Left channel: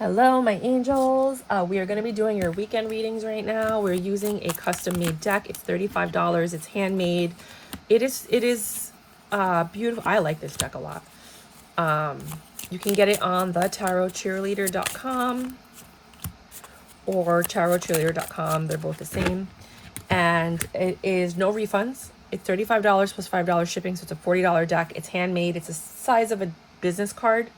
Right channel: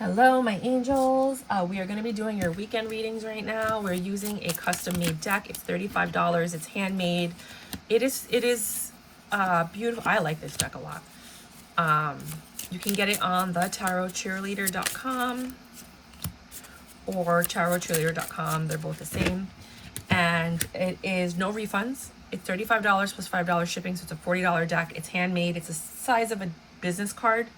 Hello, my angels. We are going to be doing your weekend readings right now. We're using a custom-made deck. It's $35. It's handmade. It is beautiful. I like this deck a lot. You can get it on Thetarotcheerleader.com or Tarotcheerleader.com. They're both the same. And it is no refunds. It's $35 plus $5 shipping, so it's a $40 deck. It's handmade. It's the size of a business card.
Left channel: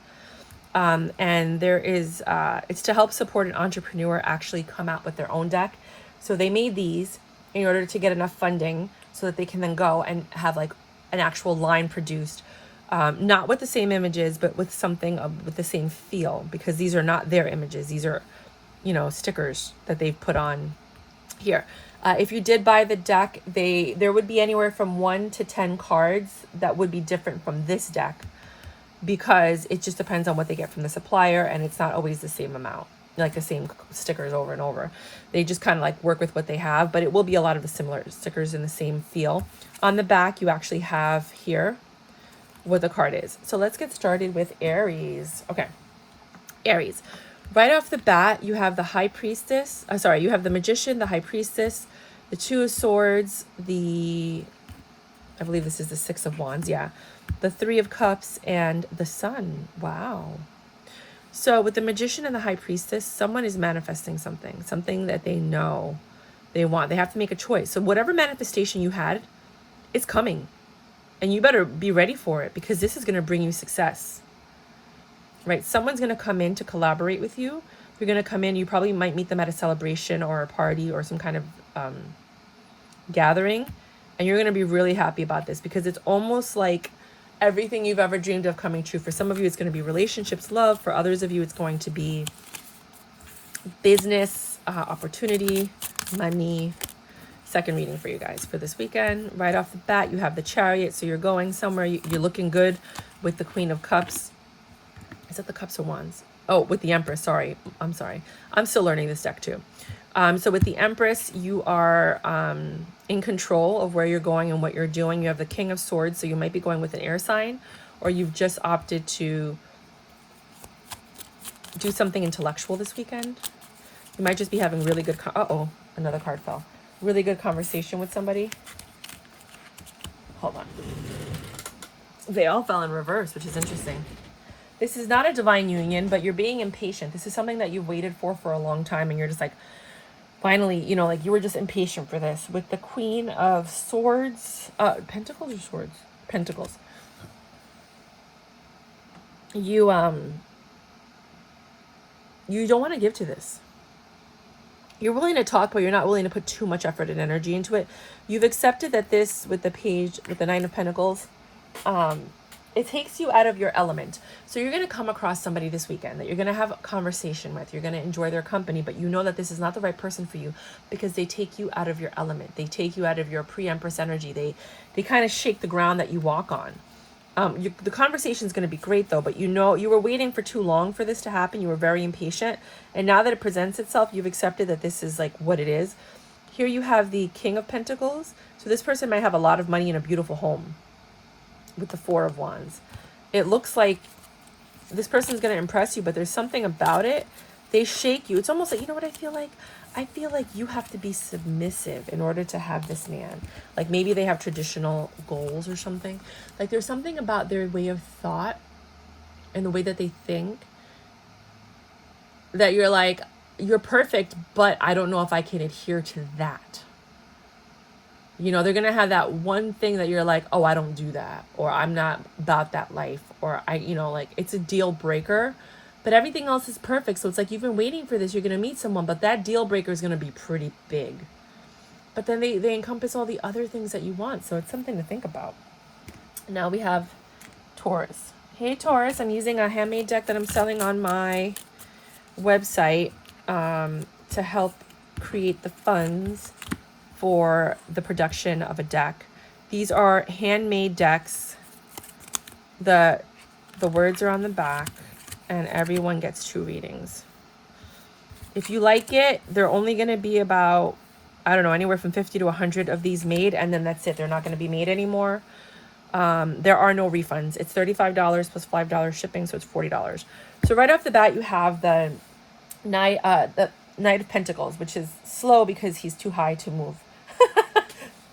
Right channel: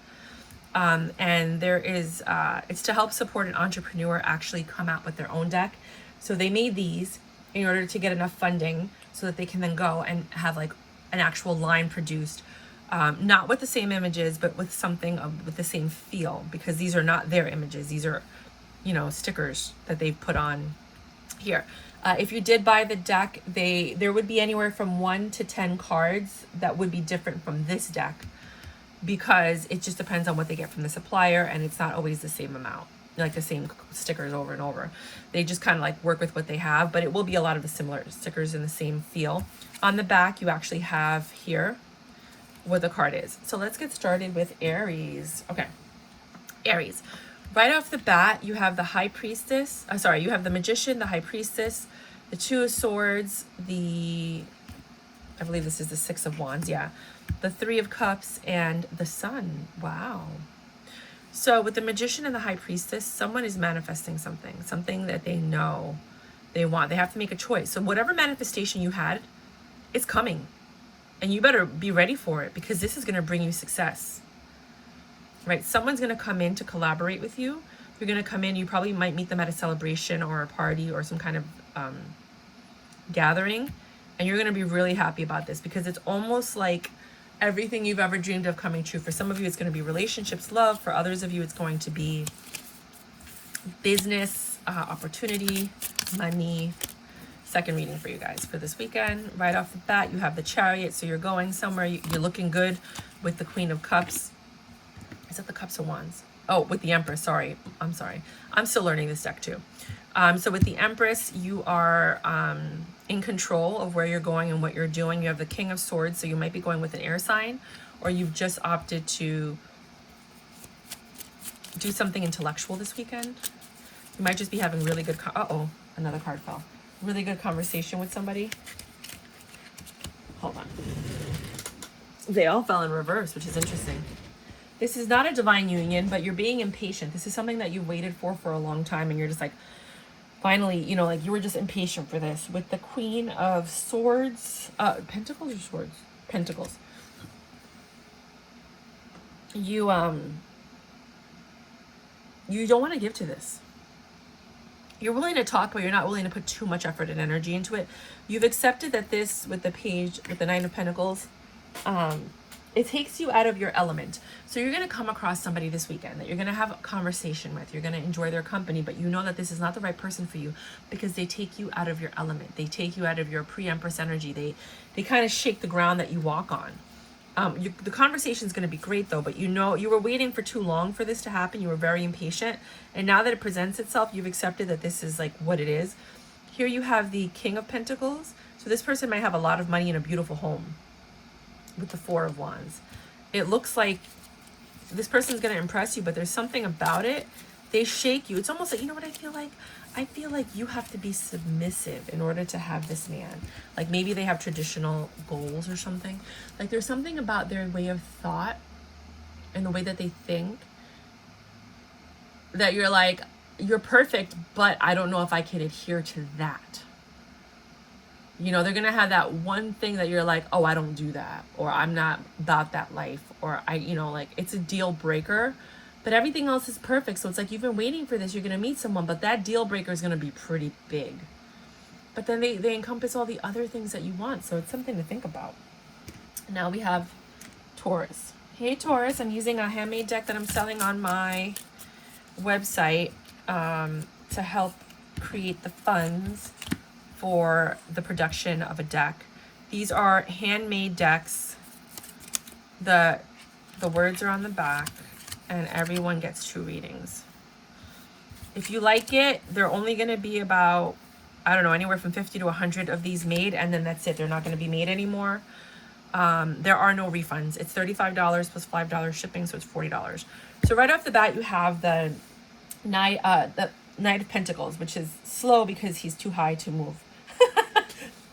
And there is, it's to help support an entrepreneur actually come out with their own deck. So they made these in order to get enough funding so that they can then go and have like an actual line produced, not with the same images, but with something with the same feel, because these are not their images. These are, you know, stickers that they've put on here. If you did buy the deck, there would be anywhere from 1 to 10 cards that would be different from this deck, because it just depends on what they get from the supplier, and it's not always the same amount, like the same stickers over and over. They just kind of like work with what they have, but it will be a lot of the similar stickers in the same feel. On the back, you actually have here what the card is. So let's get started with Aries. Okay, Aries. Right off the bat, you have the High Priestess. You have the Magician, the High Priestess, the Two of Swords, I believe this is the Six of Wands, yeah. The Three of Cups, and the Sun. Wow. So with the Magician and the High Priestess, someone is manifesting something that they know they want. They have to make a choice. So whatever manifestation you had, it's coming. And you better be ready for it, because this is going to bring you success. Right? Someone's going to come in to collaborate with you. You're going to come in. You probably might meet them at a celebration or a party or some kind of gathering. And you're going to be really happy about this, because it's almost like everything you've ever dreamed of coming true. For some of you, it's going to be relationships, love. For others of you, it's going to be business, opportunity, money. Second reading for you guys for this weekend. Right off the bat, you have the Chariot. So you're going somewhere. You're looking good with the Queen of Cups. Is that the Cups or Wands? Oh, with the Empress. Sorry. I'm sorry. I'm still learning this deck too. So with the Empress, you are in control of where you're going and what you're doing. You have the King of Swords, so you might be going with an air sign, or you've just opted to do something intellectual this weekend. You might just be having really good, another card fell. Really good conversation with somebody. Hold on. They all fell in reverse, which is interesting. This is not a divine union, but you're being impatient. This is something that you've waited for a long time, and you're just like, finally, you know, like you were just impatient for this. With the Queen of Swords, Pentacles or Swords? Pentacles. You don't want to give to this. You're willing to talk, but you're not willing to put too much effort and energy into it. You've accepted that this, with the Page, with the Nine of Pentacles, it takes you out of your element. So you're going to come across somebody this weekend that you're going to have a conversation with. You're going to enjoy their company, but you know that this is not the right person for you, because they take you out of your element. They take you out of your pre-Empress energy. They kind of shake the ground that you walk on. The conversation is going to be great though, but you know, you were waiting for too long for this to happen. You were very impatient. And now that it presents itself, you've accepted that this is like what it is. Here you have the King of Pentacles. So this person might have a lot of money and a beautiful home. With the Four of Wands, it looks like this person's going to impress you, but there's something about it. They shake you. It's almost like, you know what I feel like? I feel like you have to be submissive in order to have this man. Like maybe they have traditional goals or something. Like there's something about their way of thought and the way that they think that you're like, you're perfect, but I don't know if I can adhere to that. You know, they're going to have that one thing that you're like, oh, I don't do that, or I'm not about that life, or like it's a deal breaker, but everything else is perfect. So it's like, you've been waiting for this, you're going to meet someone, but that deal breaker is going to be pretty big. But then they encompass all the other things that you want. So it's something to think about. Now we have Taurus. Hey, Taurus, I'm using a handmade deck that I'm selling on my website to help create the funds for the production of a deck. These are handmade decks. The words are on the back, and everyone gets 2 readings. If you like it, they're only going to be about, I don't know, anywhere from 50 to 100 of these made, and then that's it. They're not going to be made anymore. There are no refunds. It's $35 plus $5 shipping, so it's $40. So right off the bat, you have the The Knight of Pentacles, which is slow because he's too high to move.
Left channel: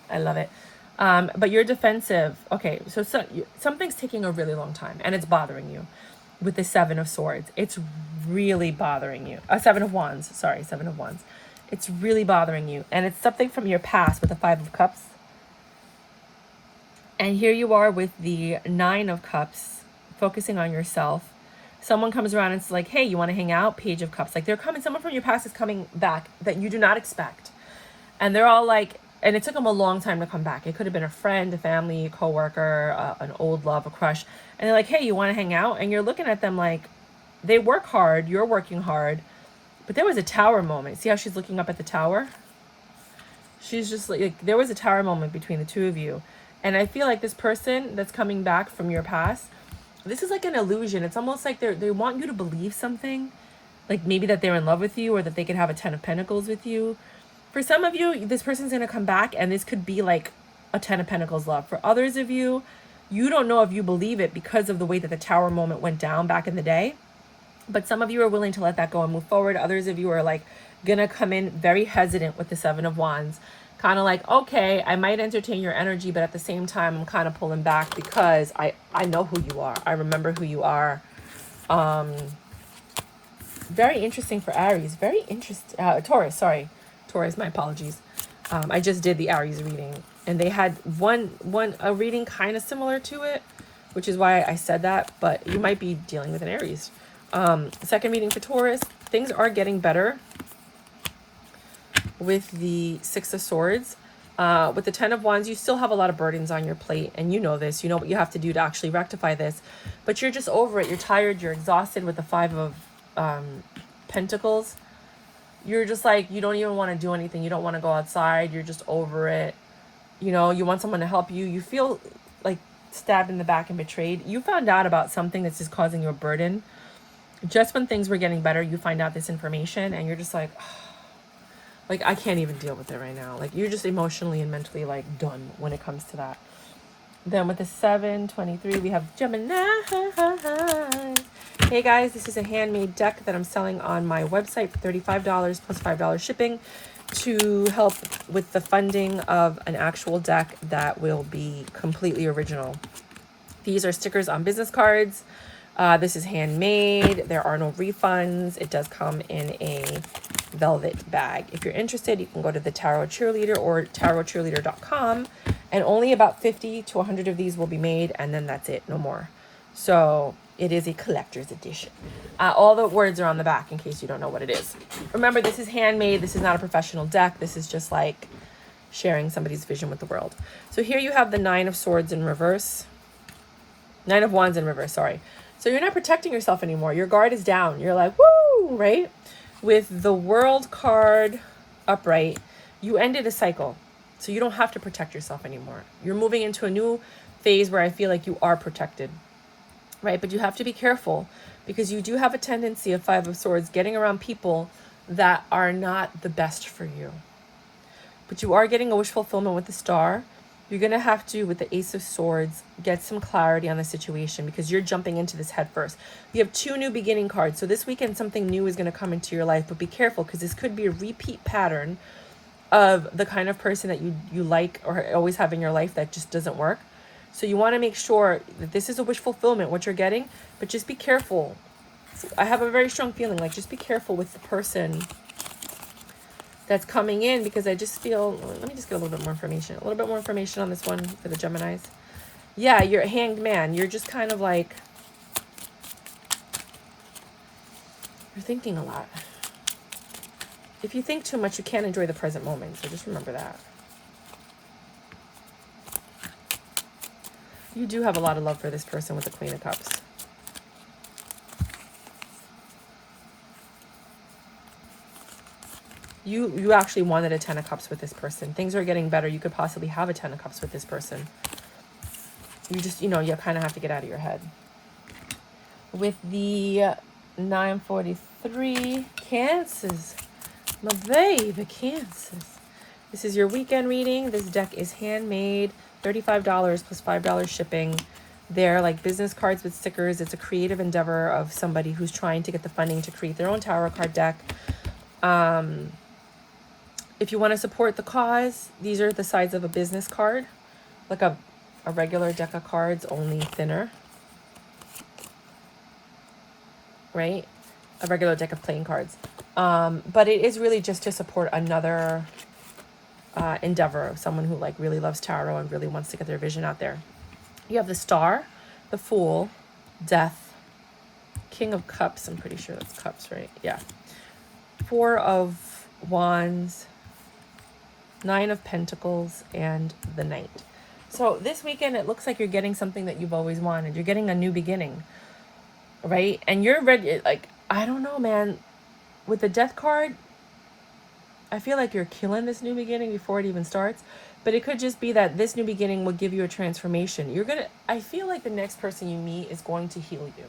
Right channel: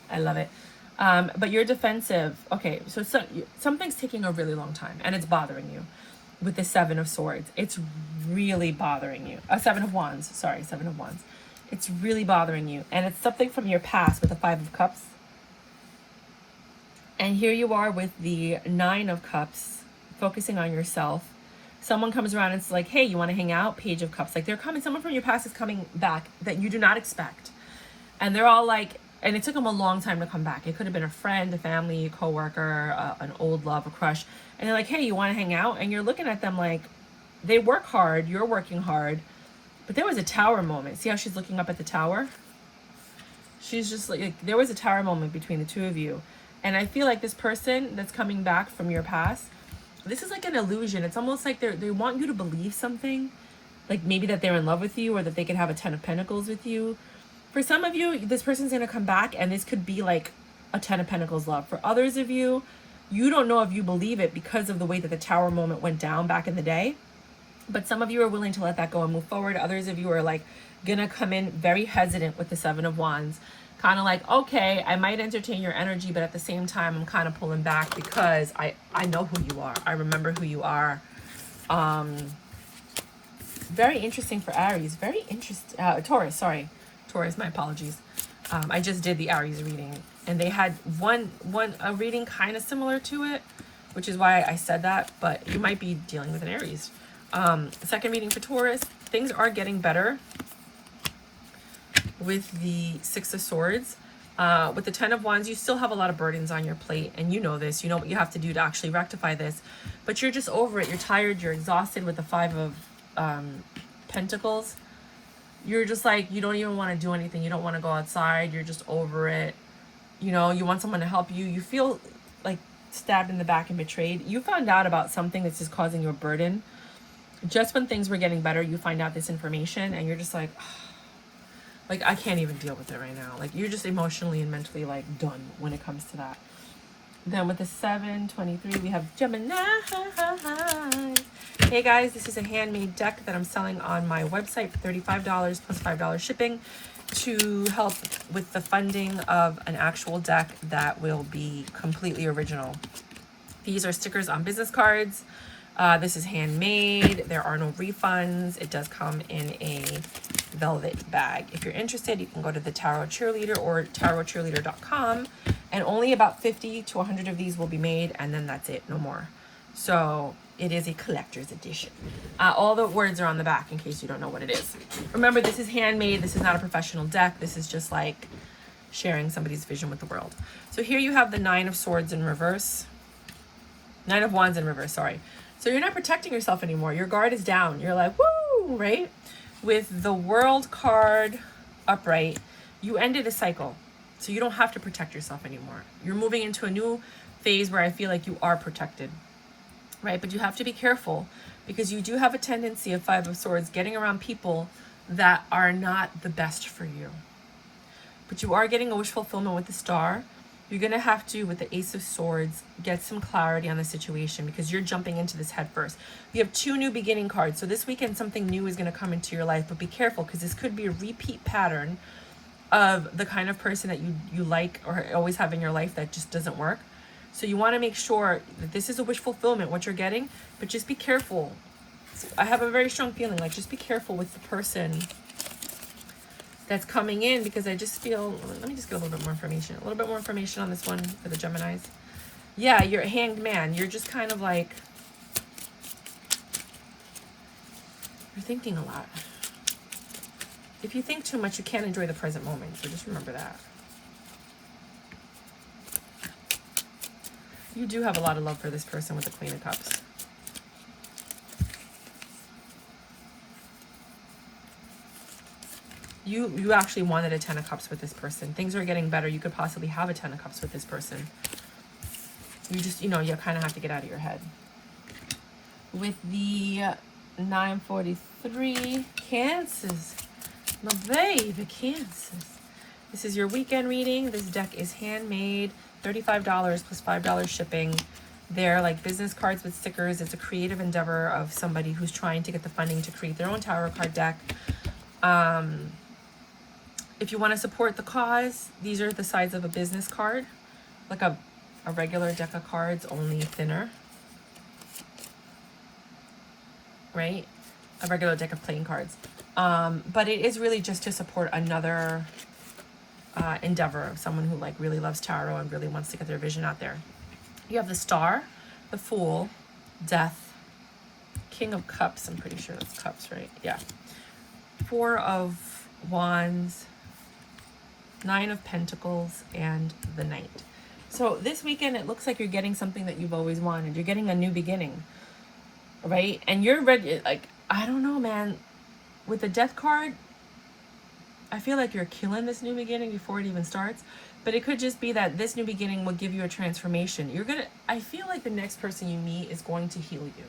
I love it. But you're defensive. Okay, so something's taking a really long time, and it's bothering you. With the Seven of Swords, it's really bothering you. Seven of Wands, sorry, Seven of Wands. It's really bothering you, and it's something from your past with the Five of Cups. And here you are with the Nine of Cups, focusing on yourself. Someone comes around and it's like, hey, you want to hang out? Page of Cups. Like, they're coming, someone from your past is coming back that you do not expect. And they're all like, and it took them a long time to come back. It could have been a friend, a family, a coworker, an old love, a crush. And they're like, hey, you want to hang out? And you're looking at them like, they work hard, you're working hard. But there was a tower moment. See how she's looking up at the tower? She's just like, there was a tower moment between the two of you. And I feel like this person that's coming back from your past, this is like an illusion. It's almost like they want you to believe something. Like maybe that they're in love with you, or that they could have a Ten of Pentacles with you. For some of you, this person's going to come back and this could be like a Ten of Pentacles love. For others of you, you don't know if you believe it because of the way that the tower moment went down back in the day. But some of you are willing to let that go and move forward. Others of you are like going to come in very hesitant with the Seven of Wands. Kind of like, okay, I might entertain your energy, but at the same time, I'm kind of pulling back because I know who you are. I remember who you are. Very interesting for Aries. Very interesting. Taurus, sorry. Taurus, my apologies. I just did the Aries reading, and they had a reading kind of similar to it, which is why I said that, but you might be dealing with an Aries. Second reading for Taurus. Things are getting better with the Six of Swords. With the Ten of Wands, you still have a lot of burdens on your plate, and you know this. You know what you have to do to actually rectify this, but you're just over it. You're tired. You're exhausted with the Five of Pentacles. You're just like, you don't even want to do anything. You don't want to go outside. You're just over it. You know, you want someone to help you. You feel like stabbed in the back and betrayed. You found out about something that's just causing you a burden. Just when things were getting better, you find out this information, and you're just like, oh, like, I can't even deal with it right now. Like, you're just emotionally and mentally, like, done when it comes to that. Then with the 723, we have Gemini. Hey, guys, this is a handmade deck that I'm selling on my website for $35 plus $5 shipping to help with the funding of an actual deck that will be completely original. These are stickers on business cards. This is handmade. There are no refunds. It does come in a velvet bag. If you're interested, you can go to the Thetarotcheerleader or Thetarotcheerleader.com, and only about 50 to 100 of these will be made, and then that's it, no more. So it is a collector's edition. All the words are on the back in case you don't know what it is. Remember, this is handmade. This is not a professional deck. This is just like sharing somebody's vision with the world. So here you have the Nine of Swords in reverse. Nine of Wands in reverse, sorry. So you're not protecting yourself anymore. Your guard is down. You're like, woo, right? With the World card upright, you ended a cycle. So you don't have to protect yourself anymore. You're moving into a new phase where I feel like you are protected, right? But you have to be careful because you do have a tendency of Five of Swords getting around people that are not the best for you. But you are getting a wish fulfillment with the Star. You're going to have to, with the Ace of Swords, get some clarity on the situation because you're jumping into this head first. You have two new beginning cards. So this weekend, something new is going to come into your life, but be careful because this could be a repeat pattern of the kind of person that you like or always have in your life that just doesn't work. So you want to make sure that this is a wish fulfillment, what you're getting, but just be careful. So I have a very strong feeling, like just be careful with the person that's coming in because I just feel, let me just get a little bit more information. A little bit more information on this one for the Geminis. Yeah, you're a hanged man. You're just kind of like, you're thinking a lot. If you think too much, you can't enjoy the present moment. So just remember that. You do have a lot of love for this person with the Queen of Cups. You actually wanted a Ten of Cups with this person. Things are getting better. You could possibly have a Ten of Cups with this person. You just, you know, you kind of have to get out of your head. With the 943, Cancers. My baby, Cancers. This is your weekend reading. This deck is handmade. $35 plus $5 shipping. They're like business cards with stickers. It's a creative endeavor of somebody who's trying to get the funding to create their own tarot card deck. If you want to support the cause, these are the size of a business card, like a regular deck of cards, only thinner, right? A regular deck of playing cards. But it is really just to support another endeavor of someone who like really loves tarot and really wants to get their vision out there. You have the Star, the Fool, Death, King of Cups. I'm pretty sure that's Cups, right? Yeah. 4 of Wands, 9 of Pentacles, and the Knight. So this weekend, it looks like you're getting something that you've always wanted. You're getting a new beginning, right? And you're ready. Like, I don't know, man. With the Death card, I feel like you're killing this new beginning before it even starts. But it could just be that this new beginning will give you a transformation. I feel like the next person you meet is going to heal you.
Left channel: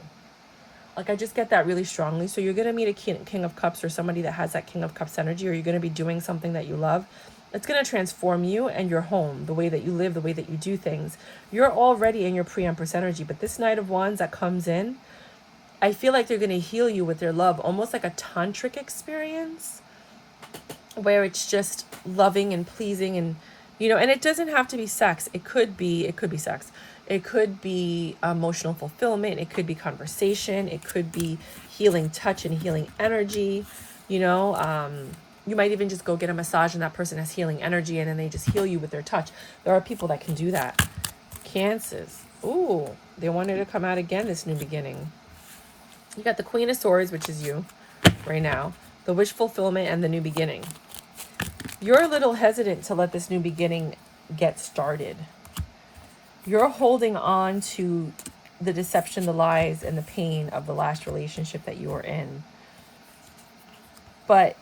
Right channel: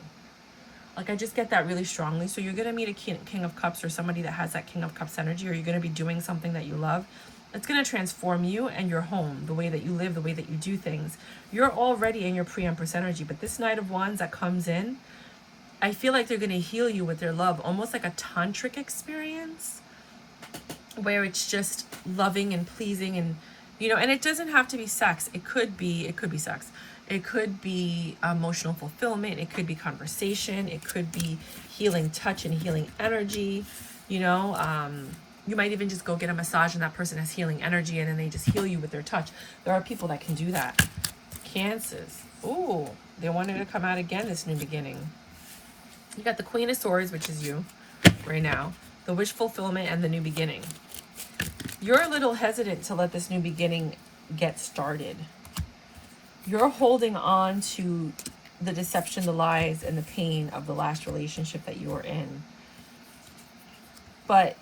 Like, I just get that really strongly. So you're going to meet a King of Cups or somebody that has that King of Cups energy, or you're going to be doing something that you love. It's going to transform you and your home, the way that you live, the way that you do things. You're already in your pre-Empress energy, but this Knight of Wands that comes in, I feel like they're going to heal you with their love, almost like a tantric experience where it's just loving and pleasing and, you know, and it doesn't have to be sex. It could be sex. It could be emotional fulfillment. It could be conversation. It could be healing touch and healing energy. You know, you might even just go get a massage and that person has healing energy and then they just heal you with their touch. There are people that can do that. Cancers. Ooh, they wanted to come out again, this new beginning. You got the Queen of Swords, which is you right now. The wish fulfillment and the new beginning. You're a little hesitant to let this new beginning get started. You're holding on to the deception, the lies, and the pain of the last relationship that you were in. But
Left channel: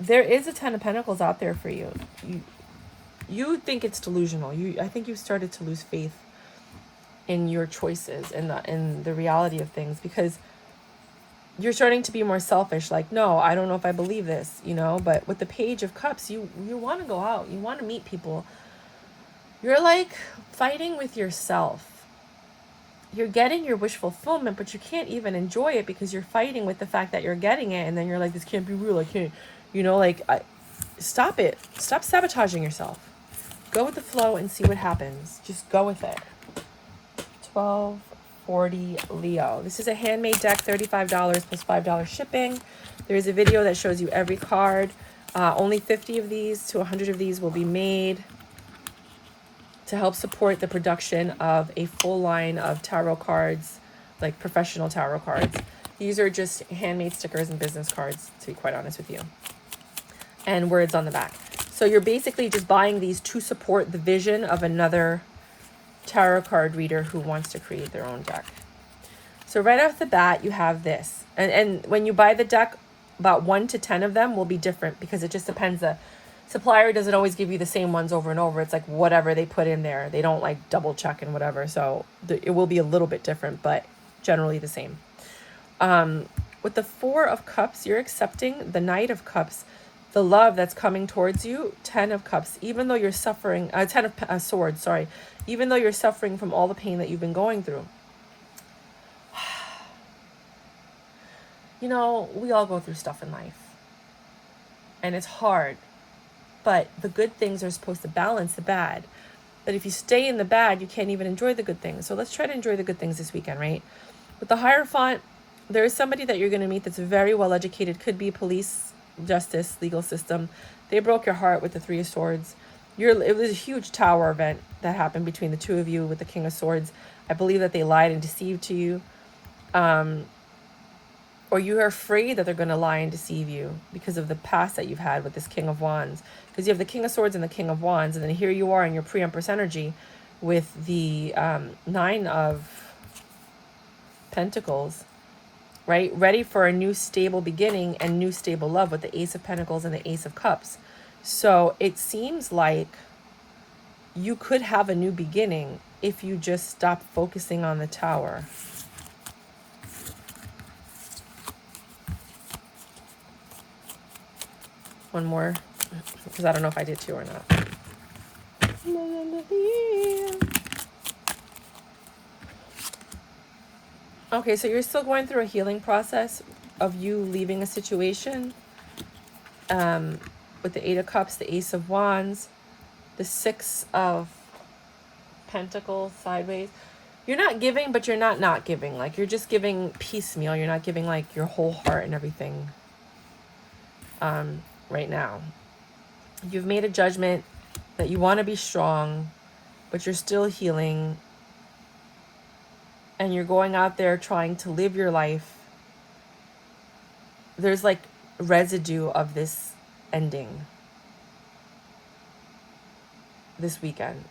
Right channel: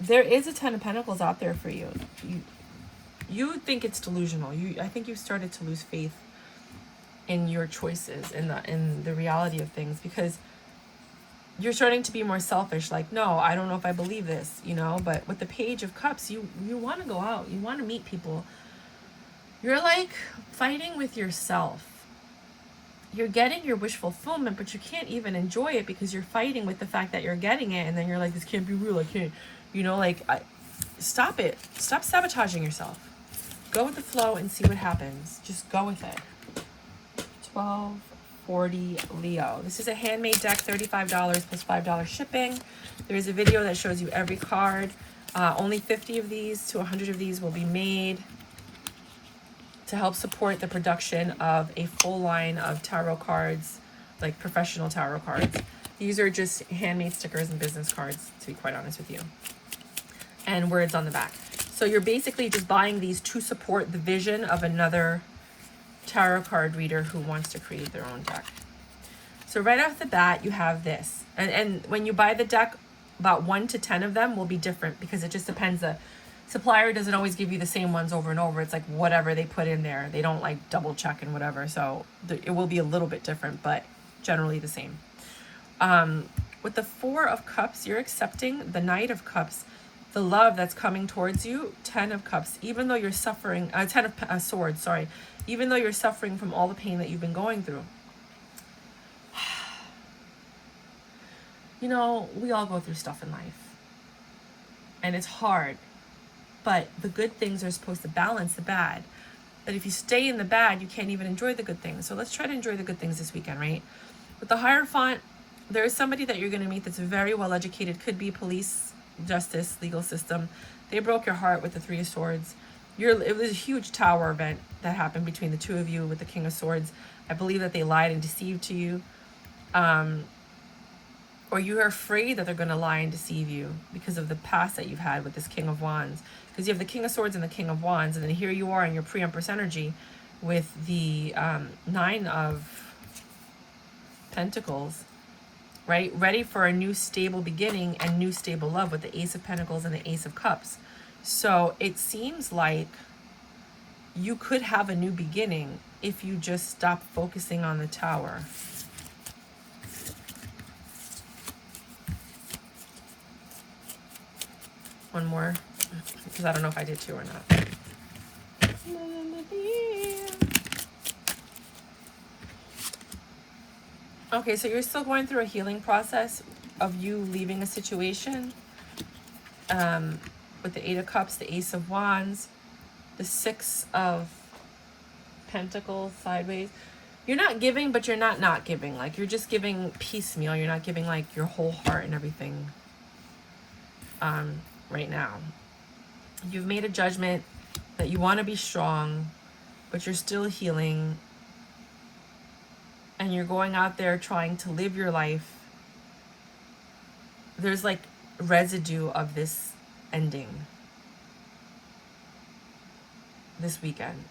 there is a 10 of Pentacles out there for you. You think it's delusional. I think you've started to lose faith in your choices and the reality of things, because you're starting to be more selfish. Like, no, I don't know if I believe this, you know. But with the Page of Cups, you want to go out. You want to meet people. You're like fighting with yourself. You're getting your wish fulfillment, but you can't even enjoy it because you're fighting with the fact that you're getting it. And then you're like, this can't be real. I can't, you know, like, stop it. Stop sabotaging yourself. Go with the flow and see what happens. Just go with it. 1240 Leo. This is a handmade deck, $35 plus $5 shipping. There's a video that shows you every card. Only 50 of these to 100 of these will be made to help support the production of a full line of tarot cards, like professional tarot cards. These are just handmade stickers and business cards, to be quite honest with you. And words on the back. So you're basically just buying these to support the vision of another tarot card reader who wants to create their own deck. So right off the bat, you have this. And when you buy the deck, about 1 to 10 of them will be different because it just depends. The supplier doesn't always give you the same ones over and over. It's like whatever they put in there. They don't like double check and whatever. So it will be a little bit different, but generally the same. With the 4 of Cups, you're accepting the Knight of Cups, the love that's coming towards you. 10 of Cups, even though you're suffering, 10 of Swords, sorry. Even though you're suffering from all the pain that you've been going through. You know, we all go through stuff in life. And it's hard. But the good things are supposed to balance the bad. But if you stay in the bad, you can't even enjoy the good things. So let's try to enjoy the good things this weekend, right? With the Hierophant, there is somebody that you're going to meet that's very well educated. Could be police, justice, legal system. They broke your heart with the 3 of Swords. It was a huge tower event that happened between the 2 of you with the King of Swords. I believe that they lied and deceived to you. Or you're afraid that they're going to lie and deceive you because of the past that you've had with this King of Wands. Because you have the King of Swords and the King of Wands. And then here you are in your pre-Empress energy with the 9 of Pentacles. Right? Ready for a new stable beginning and new stable love with the Ace of Pentacles and the Ace of Cups. So it seems like you could have a new beginning if you just stop focusing on the Tower. One more, because I don't know if I did 2 or not. Okay, so you're still going through a healing process of you leaving a situation. With the Eight of Cups, the Ace of Wands, the Six of Pentacles sideways. You're not giving, but you're not giving. Like, you're just giving piecemeal. You're not giving, like, your whole heart and everything right now. You've made a judgment that you want to be strong, but you're still healing. And you're going out there trying to live your life. There's, like, residue of this ending this weekend.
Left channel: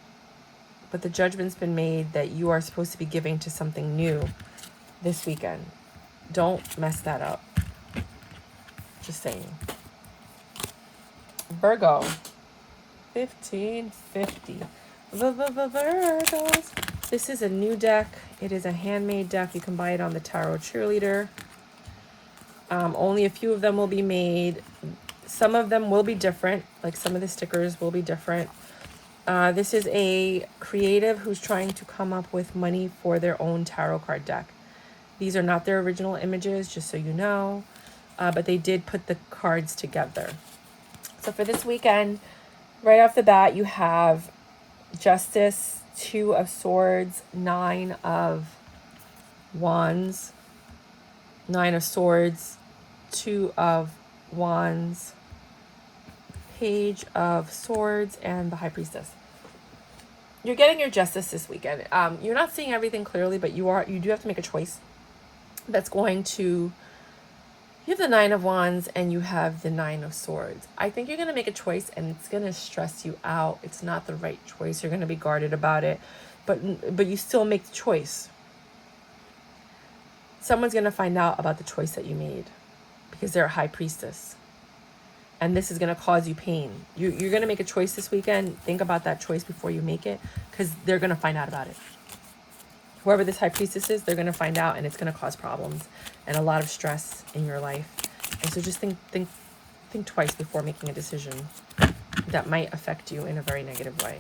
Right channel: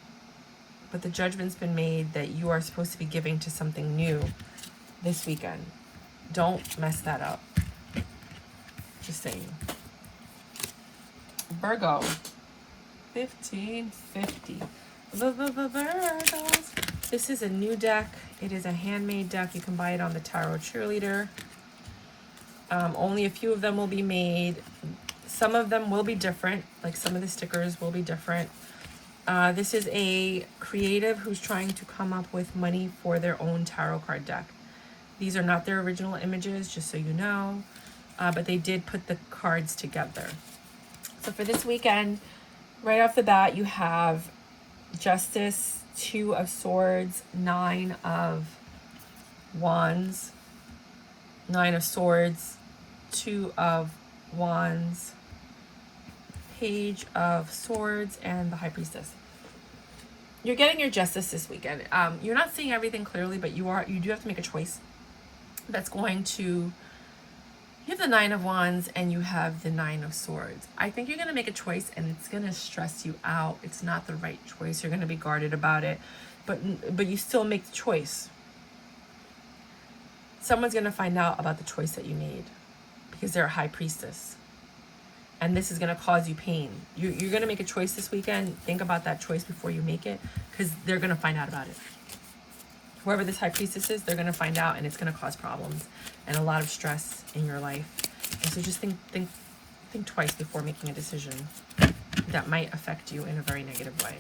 But the judgment's been made that you are supposed to be giving to something new this weekend. Don't mess that up. Just saying. Virgo. 1550. Virgos. This is a new deck. It is a handmade deck. You can buy it on the Thetarotcheerleader. Only a few of them will be made. Some of them will be different. Like, some of the stickers will be different. This is a creative who's trying to come up with money for their own tarot card deck. These are not their original images, just so you know. But they did put the cards together. So for this weekend, right off the bat, you have Justice, Two of Swords, Nine of Wands, Nine of Swords, Two of Wands, Page of Swords, and the High Priestess. You're getting your justice this weekend. You're not seeing everything clearly, but you do have to make a choice that's going to... You have the Nine of Wands and you have the Nine of Swords. I think you're going to make a choice and it's going to stress you out. It's not the right choice. You're going to be guarded about it, but you still make the choice. Someone's going to find out about the choice that you made because they're a High Priestess. And this is going to cause you pain. You're going to make a choice this weekend. Think about that choice before you make it, because they're going to find out about it. Whoever this High Priestess is, they're going to find out, and it's going to cause problems and a lot of stress in your life. And so just think twice before making a decision that might affect you in a very negative way.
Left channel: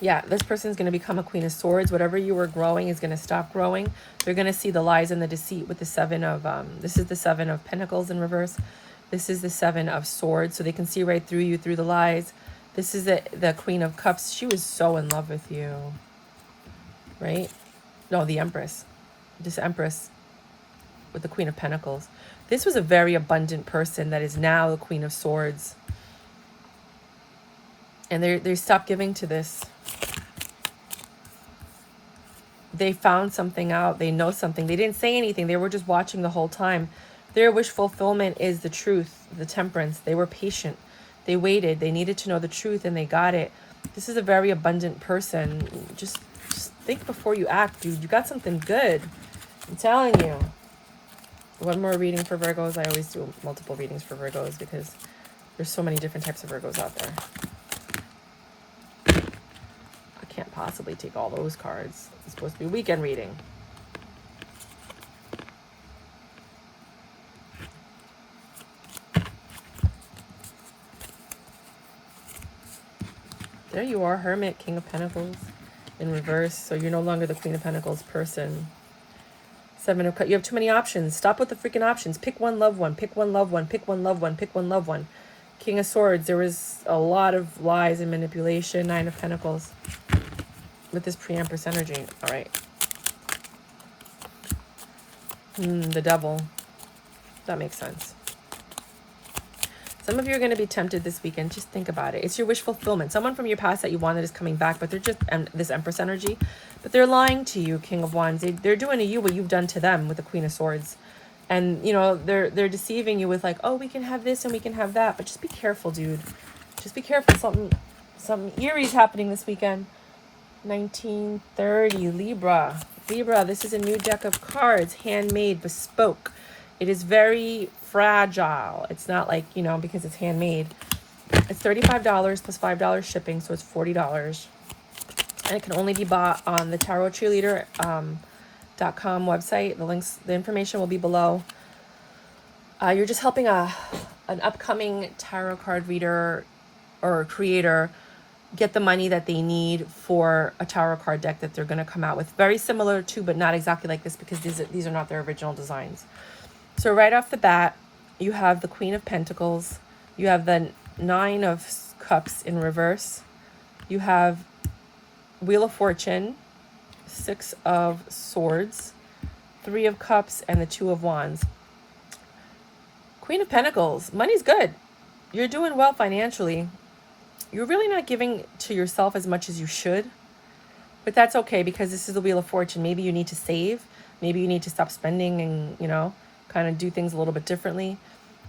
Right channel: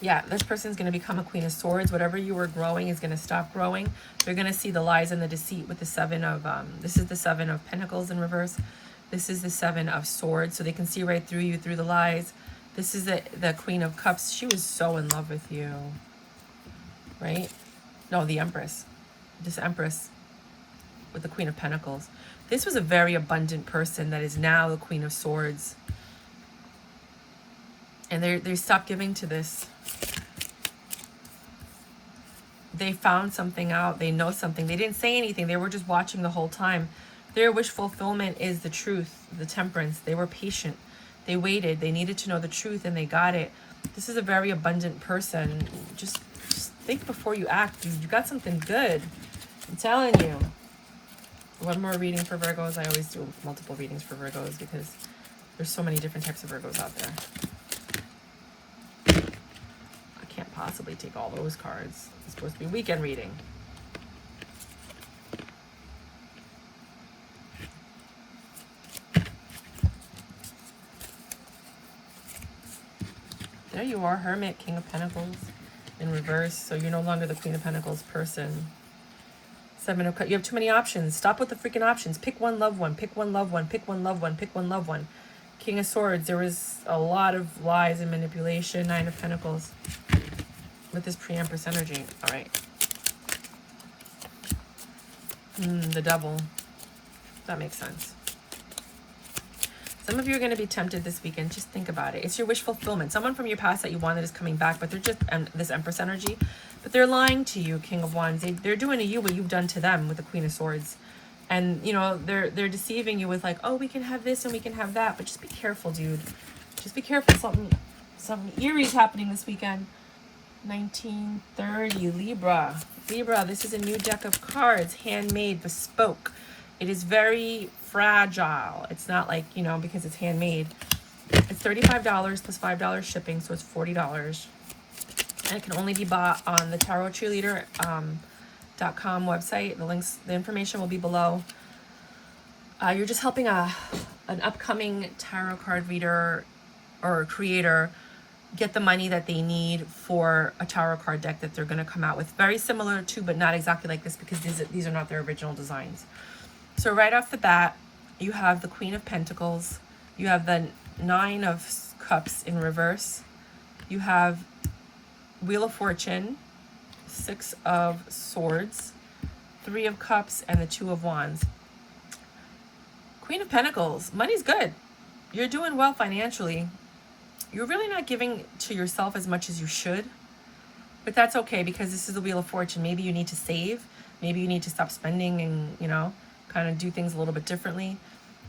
Yeah, this person's going to become a Queen of Swords. Whatever you were growing is going to stop growing. You're going to see the lies and the deceit with the Seven of... this is the Seven of Pentacles in reverse. This is the Seven of Swords. So they can see right through you, through the lies. This is the Queen of Cups. She was so in love with you. Right? No, the Empress. This Empress with the Queen of Pentacles. This was a very abundant person that is now the Queen of Swords. And they stopped giving to this. They found something out. They know something. They didn't say anything. They were just watching the whole time. Their wish fulfillment is the truth, the temperance. They were patient. They waited. They needed to know the truth, and they got it. This is a very abundant person. Just think before you act, dude. You got something good. I'm telling you. One more reading for Virgos. I always do multiple readings for Virgos because there's so many different types of Virgos out there. I can't possibly take all those cards. It's supposed to be a weekend reading. There you are, Hermit, King of Pentacles in reverse. So you're no longer the Queen of Pentacles person. Seven of Cups. You have too many options. Stop with the freaking options. Pick one, love one. Pick one, love one. Pick one, love one. Pick one, love one. King of Swords. There was a lot of lies and manipulation. Nine of Pentacles with this pre-Empress energy. All right. The Devil. That makes sense. Some of you are going to be tempted this weekend. Just think about it. It's your wish fulfillment. Someone from your past that you wanted is coming back, but they're just, and this Empress energy, but they're lying to you, King of Wands. They're doing to you what you've done to them with the Queen of Swords. And, you know, they're deceiving you with like, oh, we can have this and we can have that. But just be careful, dude. Just be careful. Something Aries happening this weekend. 1930, Libra. Libra, this is a new deck of cards, handmade, bespoke. It is very fragile. It's not like, you know, because it's handmade. It's $35 plus $5 shipping, so it's $40. And it can only be bought on the Thetarotcheerleader.com website. The information will be below. You're just helping an upcoming tarot card reader or creator get the money that they need for a tarot card deck that they're going to come out with. Very similar to, but not exactly like this, because these are not their original designs. So right off the bat, you have the Queen of Pentacles. You have the Nine of Cups in reverse. You have Wheel of Fortune, Six of Swords, Three of Cups, and the Two of Wands. Queen of Pentacles, money's good. You're doing well financially. You're really not giving to yourself as much as you should, but that's okay, because this is the Wheel of Fortune. Maybe you need to save. Maybe you need to stop spending and, you know, kind of do things a little bit differently.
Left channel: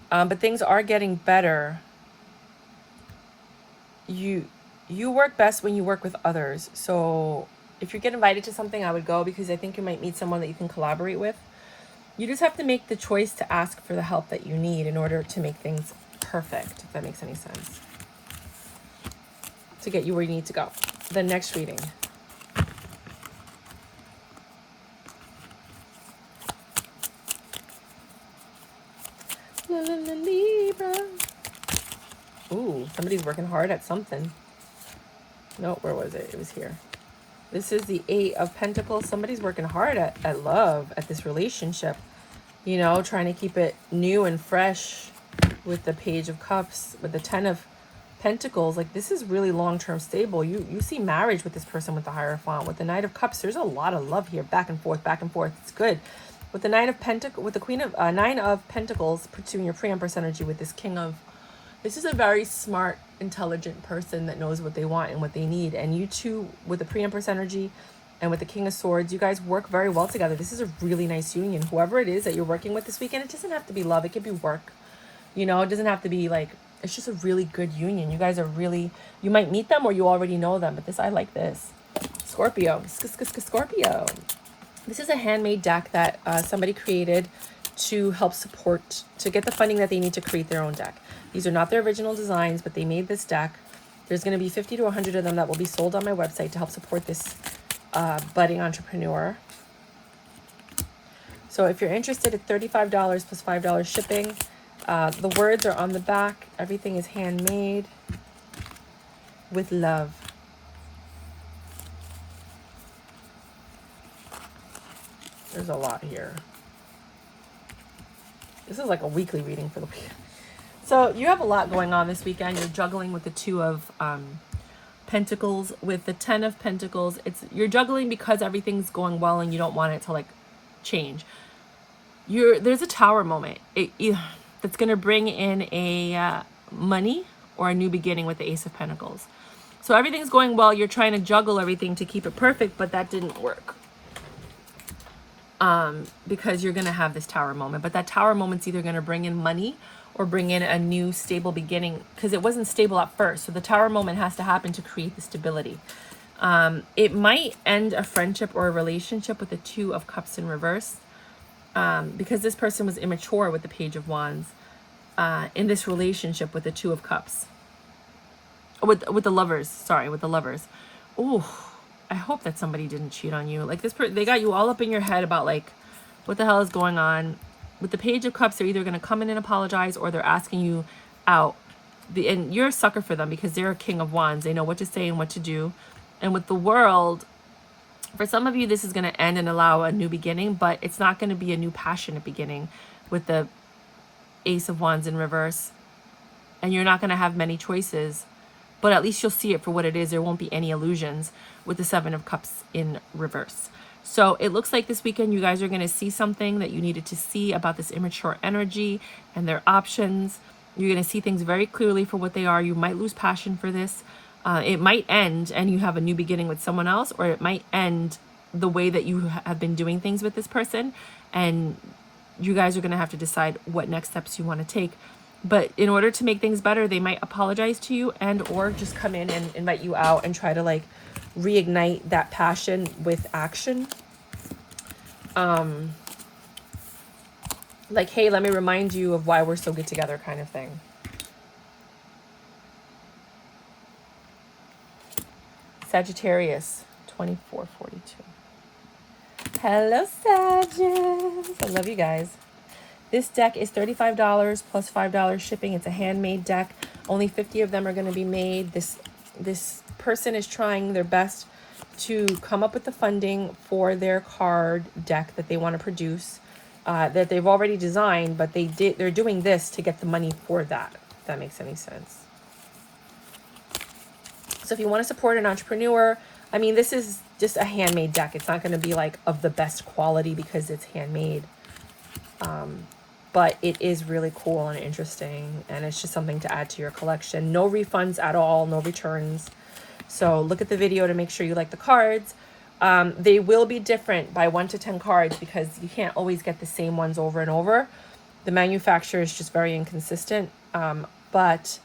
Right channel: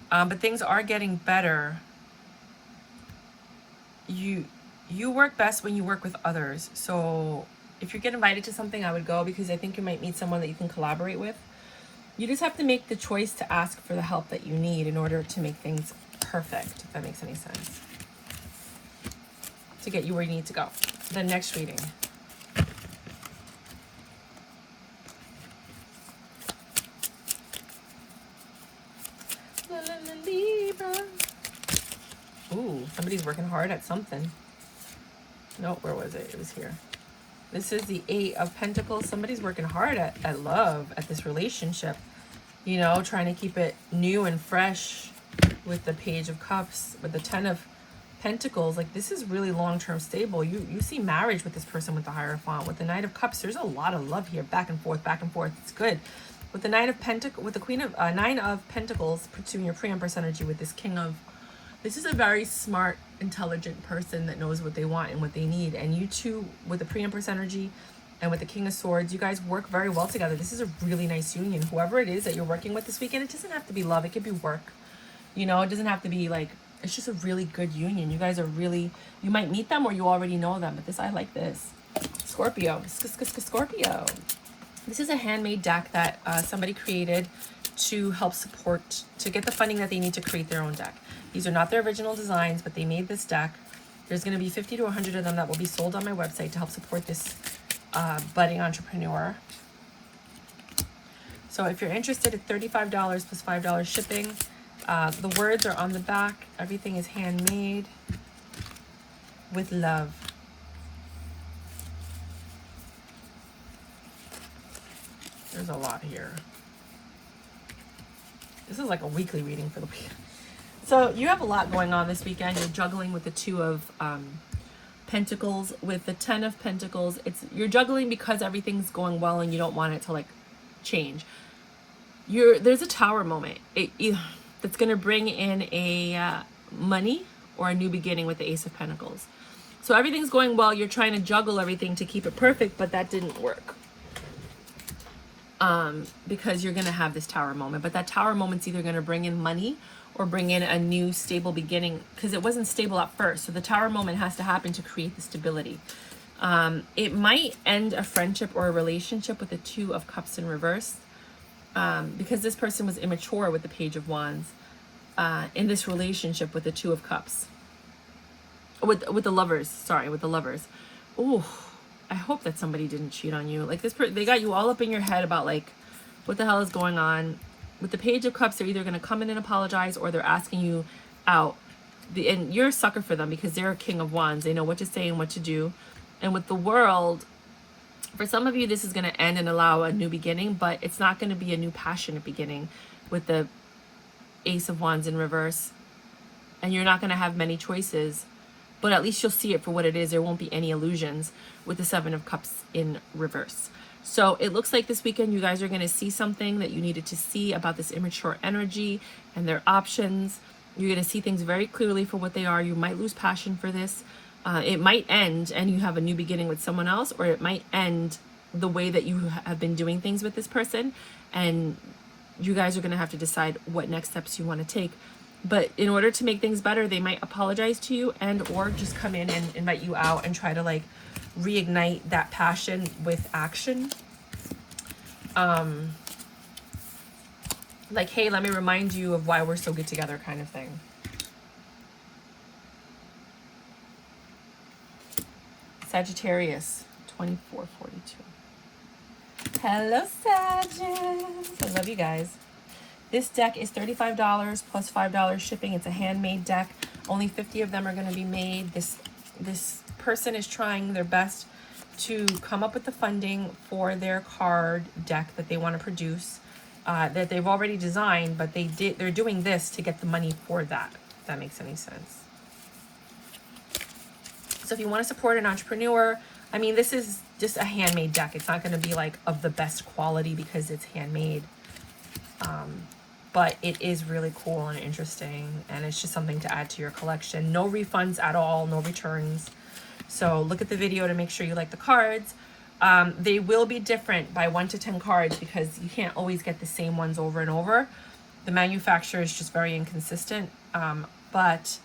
But things are getting better. You work best when you work with others. So if you get invited to something, I would go, because I think you might meet someone that you can collaborate with. You just have to make the choice to ask for the help that you need in order to make things perfect, if that makes any sense, to get you where you need to go. The next reading. Libra. Ooh, somebody's working hard at something. No, where was it? It was here. This is the Eight of Pentacles. Somebody's working hard at love, at this relationship. You know, trying to keep it new and fresh with the Page of Cups, with the Ten of Pentacles. Like, this is really long-term stable. You see marriage with this person with the Hierophant. With the Knight of Cups, there's a lot of love here. Back and forth, back and forth. It's good. With the Nine of Pentacles, with the Queen of Nine of Pentacles, pursuing your pre-Empress energy with this King of. This is a very smart, intelligent person that knows what they want and what they need. And you two, with the pre-Empress energy and with the King of Swords, you guys work very well together. This is a really nice union. Whoever it is that you're working with this weekend, it doesn't have to be love. It could be work. You know, it doesn't have to be like, it's just a really good union. You guys are really, you might meet them or you already know them. But this, I like this. Scorpio. Scorpio. This is a handmade deck that somebody created to help support, to get the funding that they need to create their own deck. These are not their original designs, but they made this deck. There's going to be 50 to 100 of them that will be sold on my website to help support this budding entrepreneur. So if you're interested, it's $35 plus $5 shipping. The words are on the back. Everything is handmade with love. There's a lot here. This is like a weekly reading for the weekend. So you have a lot going on this weekend. You're juggling with the Two of Pentacles, with the Ten of Pentacles. You're juggling because everything's going well and you don't want it to like change. There's a Tower moment that's going to bring in a money or a new beginning with the Ace of Pentacles. So everything's going well. You're trying to juggle everything to keep it perfect, but that didn't work. Because you're going to have this Tower moment. But that Tower moment's either going to bring in money or bring in a new stable beginning, because it wasn't stable at first. So the Tower moment has to happen to create the stability. It might end a friendship or a relationship with the Two of Cups in reverse, because this person was immature with the Page of Wands in this relationship with the Two of Cups. With the Lovers, sorry, with the Lovers. Ooh, I hope that somebody didn't cheat on you. Like this, they got you all up in your head about like, what the hell is going on? With the Page of Cups, they're either going to come in and apologize or they're asking you out. And you're a sucker for them because they're a King of Wands. They know what to say and what to do. And with the World, for some of you, this is going to end and allow a new beginning, but it's not going to be a new passionate beginning with the Ace of Wands in reverse. And you're not going to have many choices, but at least you'll see it for what it is. There won't be any illusions with the Seven of Cups in reverse. So it looks like this weekend you guys are going to see something that you needed to see about this immature energy and their options. You're going to see things very clearly for what they are. You might lose passion for this. It might end and you have a new beginning with someone else, or it might end the way that you have been doing things with this person. And you guys are going to have to decide what next steps you want to take. But in order to make things better, they might apologize to you and or just come in and invite you out and try to like reignite that passion with action. Like, hey, let me remind you of why we're so good together kind of thing. Sagittarius, 2442. Hello, Sagittarius. I love you guys. This deck is $35 plus $5 shipping. It's a handmade deck. Only 50 of them are going to be made. This person is trying their best to come up with the funding for their card deck that they want to produce, that they've already designed, but they're doing this to get the money for that, if that makes any sense. So if you want to support an entrepreneur, I mean, this is just a handmade deck. It's not going to be like of the best quality because it's handmade. But it is really cool and interesting, and it's just something to add to your collection. No refunds at all, no returns. So look at the video to make sure you like the cards. They will be different by 1 to 10 cards because you can't always get the same ones over and over. The manufacturer is just very inconsistent. But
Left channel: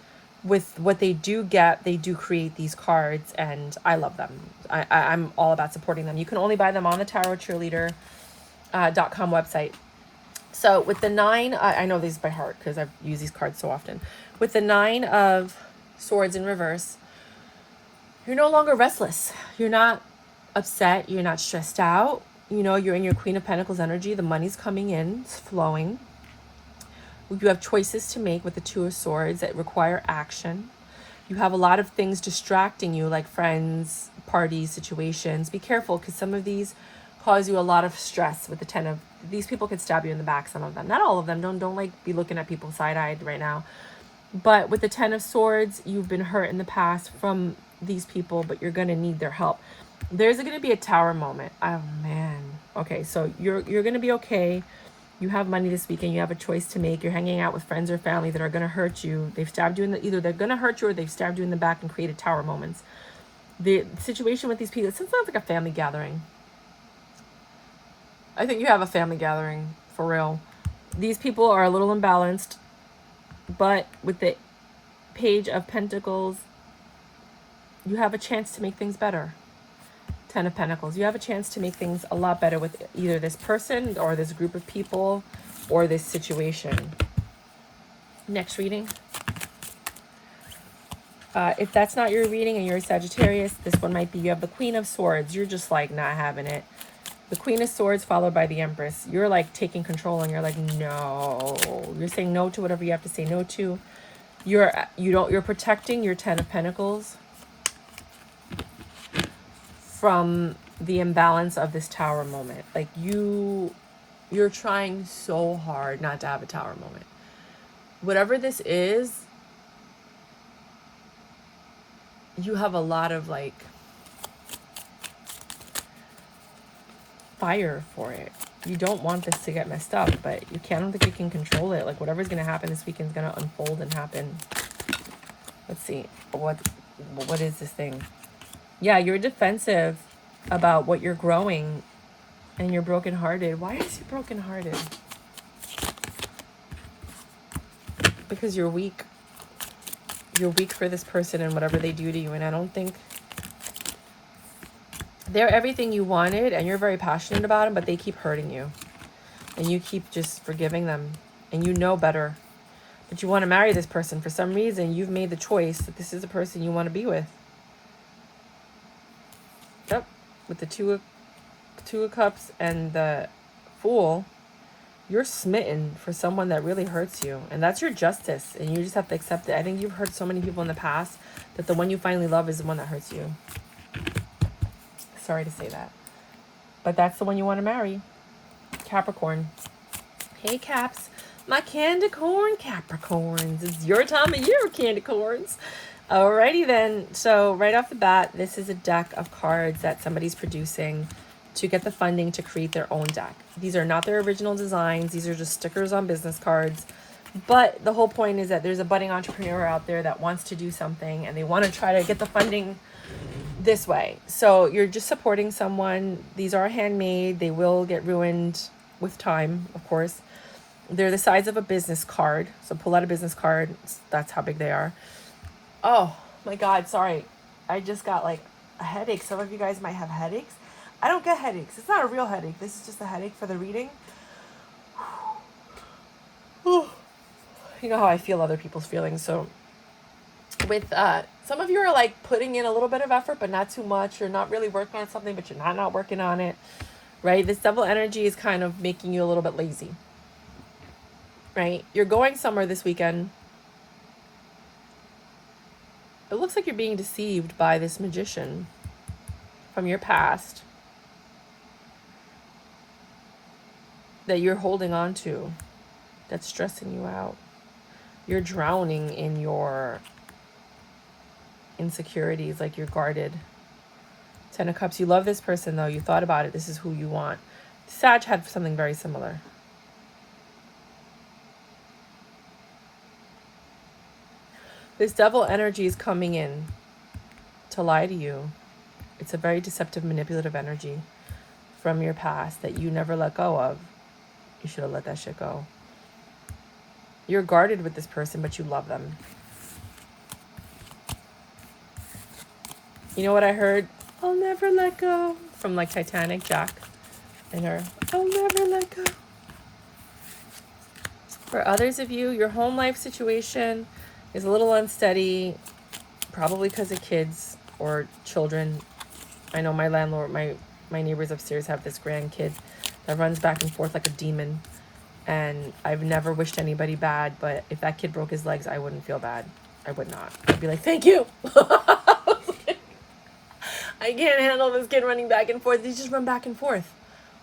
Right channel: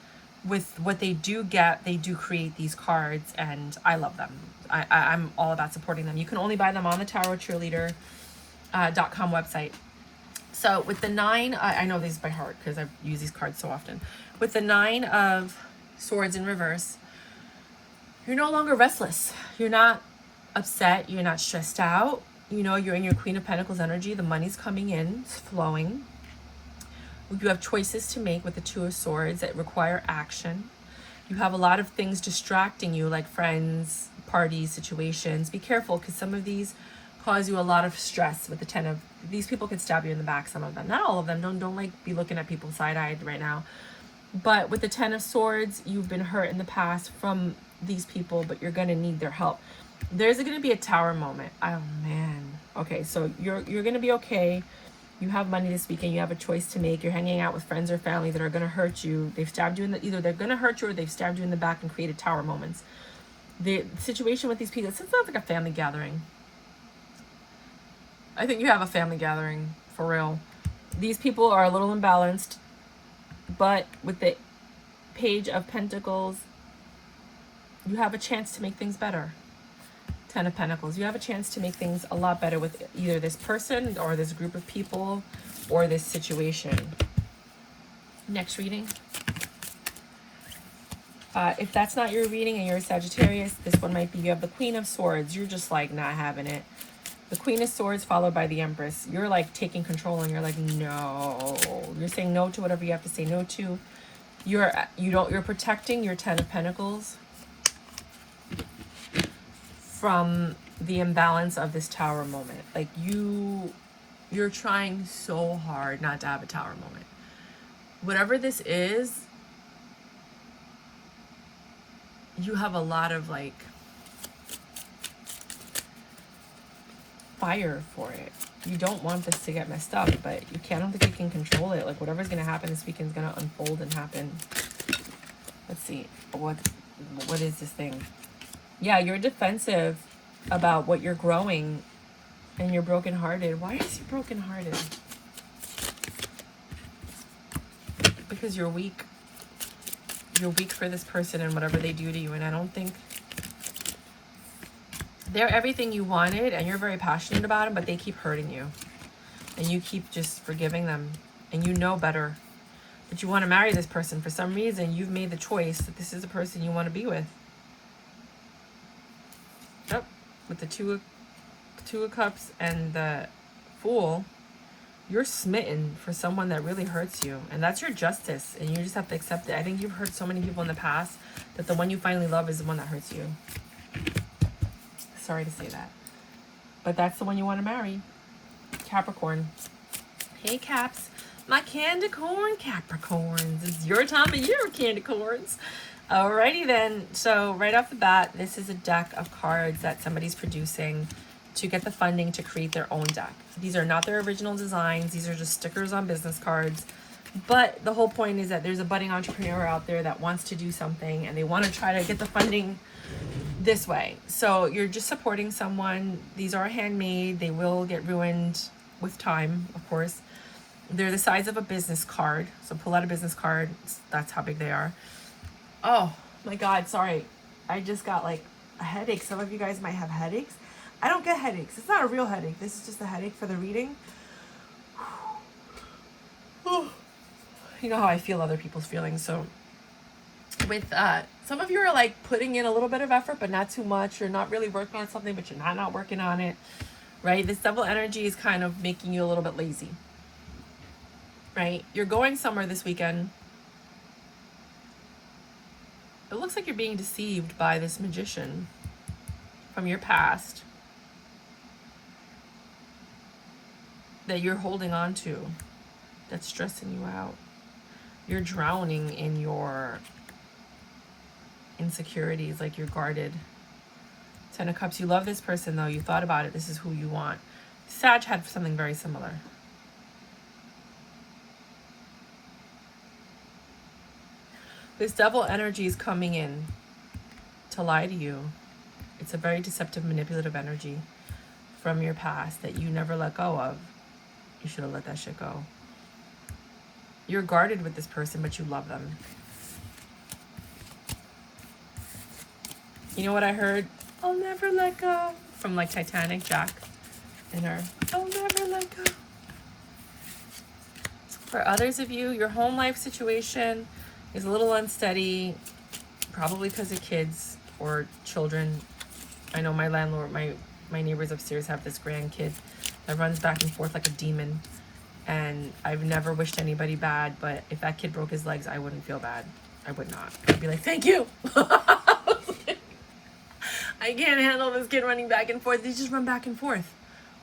with what they do get, they do create these cards, and I love them. I'm all about supporting them. You can only buy them on the Thetarotcheerleader.com website. So with the 9, I know these by heart because I've used these cards so often. With the 9 of Swords in reverse, you're no longer restless. You're not upset. You're not stressed out. You know, you're in your Queen of Pentacles energy. The money's coming in, it's flowing. You have choices to make with the 2 of Swords that require action. You have a lot of things distracting you, like friends, parties, situations. Be careful because some of these cause you a lot of stress. With the 10 of, these people could stab you in the back, some of them, not all of them. Don't like be looking at people side-eyed right now. But with the 10 of Swords, you've been hurt in the past from these people, but you're going to need their help. There's going to be a tower moment. Oh man. Okay, so you're going to be okay. You have money this weekend. You have a choice to make. You're hanging out with friends or family that are going to hurt you. They've stabbed you in the, either they're going to hurt you or they've stabbed you in the back and created tower moments. The situation with these people, it sounds like a family gathering. I think you have a family gathering, for real. These people are a little imbalanced, but with the Page of Pentacles, you have a chance to make things better. 10 of Pentacles, you have a chance to make things a lot better with either this person or this group of people or this situation. Next reading. If that's not your reading and you're a Sagittarius, this one might be, you have the Queen of Swords. You're just like not having it. The Queen of Swords followed by the Empress. You're like taking control and you're like, no. You're saying no to whatever you have to say no to. You're protecting your 10 of Pentacles from the imbalance of this tower moment. Like you're trying so hard not to have a tower moment. Whatever this is, you have a lot of like fire for it. You don't want this to get messed up, but you don't think you can control it. Like whatever's gonna happen this weekend is gonna unfold and happen. Let's see. What is this thing? Yeah, you're defensive about what you're growing and you're brokenhearted. Why is it brokenhearted? Because you're weak. You're weak for this person and whatever they do to you, and I don't think they're everything you wanted and you're very passionate about them, but they keep hurting you and you keep just forgiving them, and you know better that you want to marry this person. For some reason you've made the choice that this is the person you want to be with. Yep, with the two of Cups and the Fool, you're smitten for someone that really hurts you, and that's your justice, and you just have to accept it. I think you've hurt so many people in the past that the one you finally love is the one that hurts you. Sorry to say that, but that's the one you want to marry. Capricorn. Hey Caps, my candy corn Capricorns. It's your time of year, candy corns. Alrighty then. So right off the bat, this is a deck of cards that somebody's producing to get the funding to create their own deck. These are not their original designs. These are just stickers on business cards. But the whole point is that there's a budding entrepreneur out there that wants to do something and they want to try to get the funding this way. So you're just supporting someone. These are handmade. They will get ruined with time, of course. They're the size of a business card. So pull out a business card. That's how big they are. Oh my God, sorry. I just got like a headache. Some of you guys might have headaches. I don't get headaches. It's not a real headache. This is just a headache for the reading. You know how I feel other people's feelings. So with some of you are like putting in a little bit of effort, but not too much. You're not really working on something, but you're not working on it, right? This double energy is kind of making you a little bit lazy, right? You're going somewhere this weekend. It looks like you're being deceived by this magician from your past that you're holding on to, that's stressing you out. You're drowning in your insecurities, like you're guarded. Ten of Cups, you love this person though. You thought about it. This is who you want. Sag had something very similar. This devil energy is coming in to lie to you. It's a very deceptive, manipulative energy from your past that you never let go of. You should have let that shit go. You're guarded with this person, but you love them. You know what I heard? I'll never let go. From like Titanic, Jack and her. I'll never let go. For others of you, your home life situation is a little unsteady, probably because of kids or children. I know my landlord, my neighbors upstairs have this grandkid that runs back and forth like a demon. And I've never wished anybody bad, but if that kid broke his legs, I wouldn't feel bad. I would not. I'd be like, thank you. I can't handle this kid running back and forth. They just run back and forth